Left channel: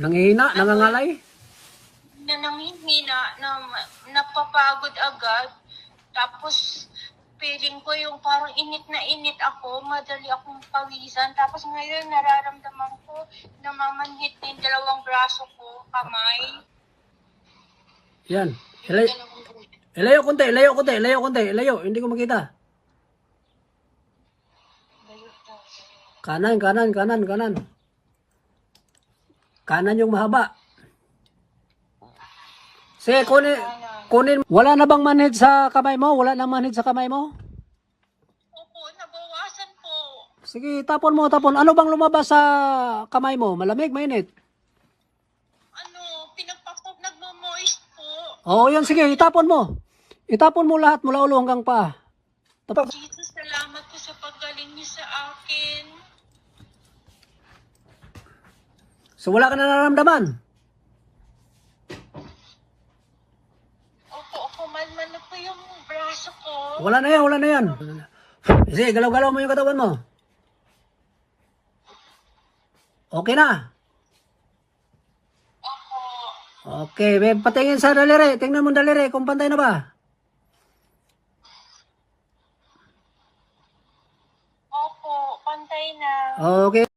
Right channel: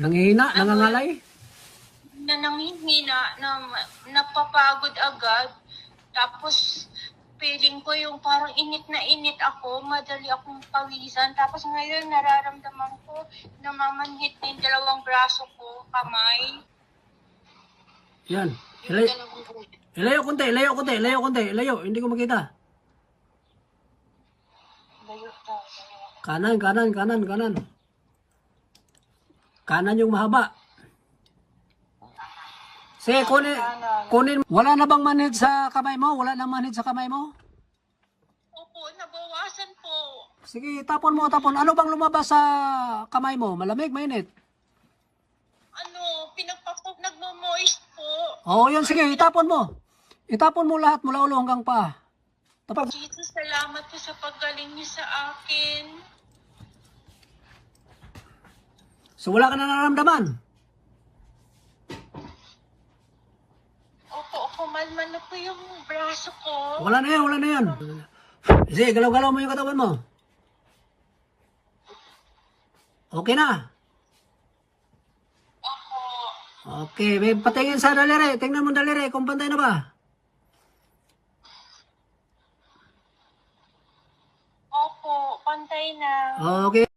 Nangihina, nangangalay. na namimina, na napapagod agad. Tapos, feeling ko yung parang init na init ako, madali akong pawisan. Tapos ngayon, nararamdaman ko, namamandit yung dalawang braso ko, kamay. Yan. Ilay, ilayo konti, ilayo konti, ilayo konti, ilayo. Hindi ko makita. Kanan, kanan, kanan, kanan. Kanan yung mahaba. Sige, kunin, kunin. Wala na bang manhid sa kamay mo? Wala na manhid sa kamay mo? Opo, nabawasan po. Sige, tapon mo, tapon. Ano bang lumabas sa kamay mo? Malamig, mainit? Ano, pinapakog nagmo-moist po. Oo, yun. Sige, itapon mo. Itapon mo lahat mula ulo hanggang pa. Tapos, Jesus, salamat po sa paggaling niyo sa akin. So wala ka na nararamdaman? Opo, kumalma na po yung braso ko. Wala na yan, wala na yan. Sige, galaw-galaw mo yung katawan mo. Okay na. Okay, may patingin sa daliri. Tingnan mo daliri kung pantay na ba. Opo, pantay na. Okay.